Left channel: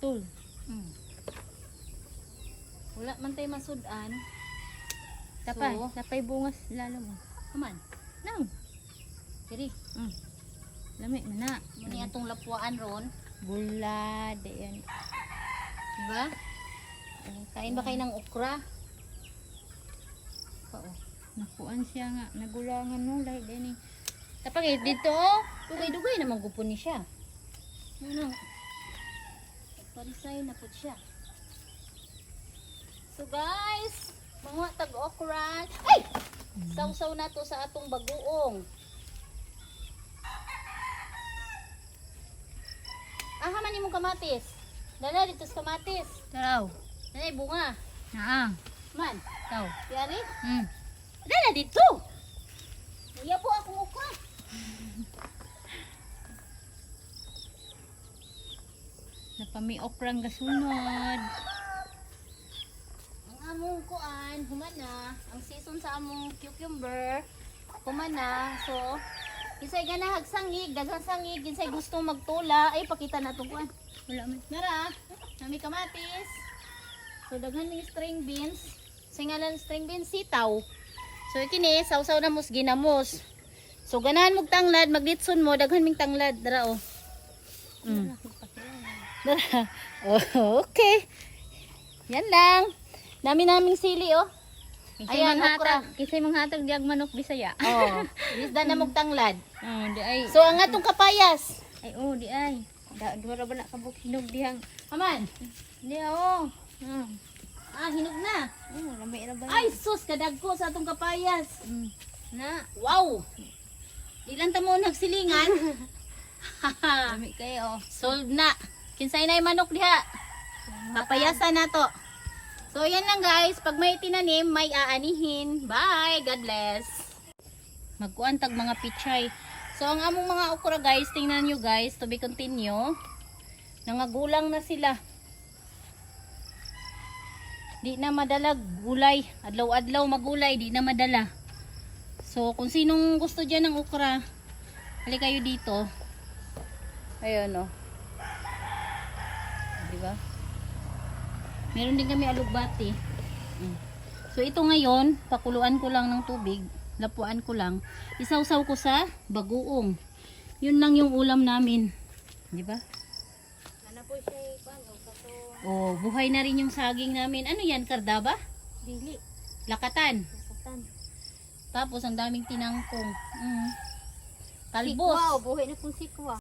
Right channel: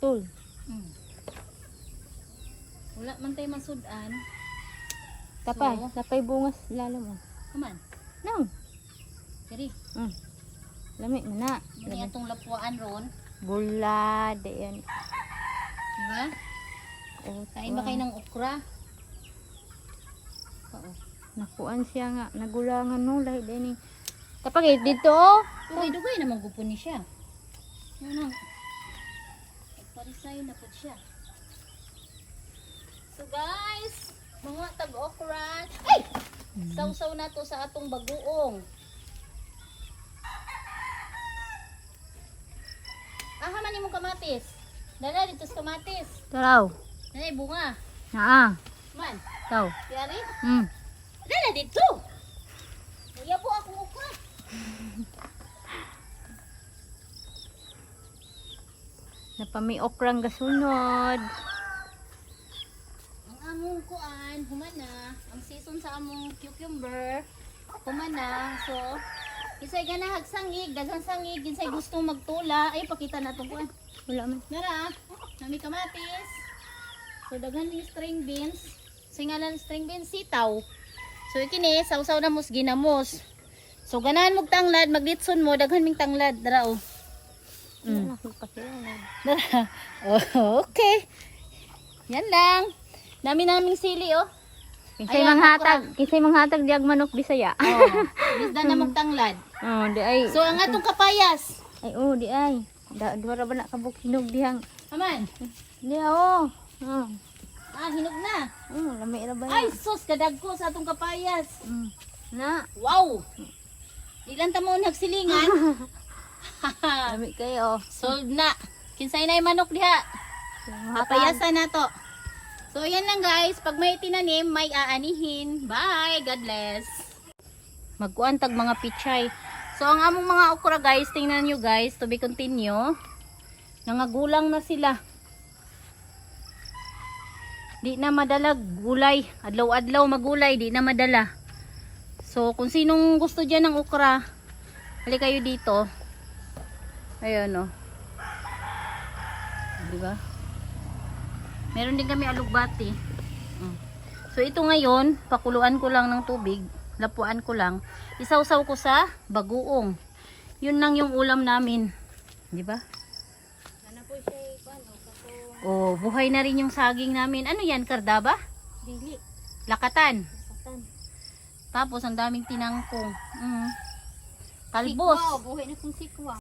putol. Wala man tayo masudan. Tapay, So, tapay bungas lalo mo. kaman. No. Diri. Lami mo na. Muni atong lapuan ron. Bulad, yan. Diba? Kain ba kayo ng okra? Oo. Nakuan siya nga, nagulangan no, lahi din eh. Tapag dito oh. Dugay-dugay naman gupon ni siya. Ano? Parisay na po siya. So guys, mga tag-okra. Ay! Sausaw na to sa atong bagoong. Haman imong kamatis. Dala dito sa kamatis. Taraw. Dala bunga. Naa. Man, Taw. yari? Mm. Dala dito. Uya po akong okra. Napami okrang gasunod. Ang among kuan, humana. Ang season sa among cucumber, humana. So, isay ganahag sangig, daghang sangig, isay gusto magtula. Ay, pakita na ito kuan. Wala man. Nara, nami kamatis. So, daghan ni string beans. Singalan string beans, sitaw. So, ikini, sausaw na mos, ginamos. So, ganahan mong tanglad, maglitson mo, daghan ming tanglad. Dara, oh. Dara. Oh, okay. Yan lang. Dami naming sili, oh. Kinsay Ayan, manghatag diag manok Bisaya. Oh, bisda na mong tanglad. Oh, di ay. So, ang atong kapayas. Ay, oh, di ay. Duwara ba na kabuk hinog dihang. Aman. Di oh. Hinog na. Lami ra ba? Ay, sus, kadagko sa atong kapayas. Na, Wow. Ilan ta mo nagsilingan? lami kayo. Sold na. Kinsay na yung manok diha. Papayasan na to. So, yan lang guys. Pag may tinanim, may aanihin. Bye. God bless. Magkuantag mga pichay. So, ang among mga okra guys, tingnan nyo guys, to be continue. Nangagulang na sila. Di na madala gulay. Adlaw-adlaw magulay, di na madala. So, kung sinong gusto dyan ng okra, hali kayo dito. Ayan o. Diba? Meron din kami alugbati. So, ito ngayon, pakuluan ko lang ng tubig. Lapuan ko lang. Isawsaw ko sa bagoong. Yun lang yung ulam namin. Diba? Ano po siya paano? Oh, buhay na rin yung saging namin. Ano yan, kardaba? Dili. Lakatan. Katan. Tapos, ang daming tinangkong. Talbos. Sikwa, buhay na kung sikwa.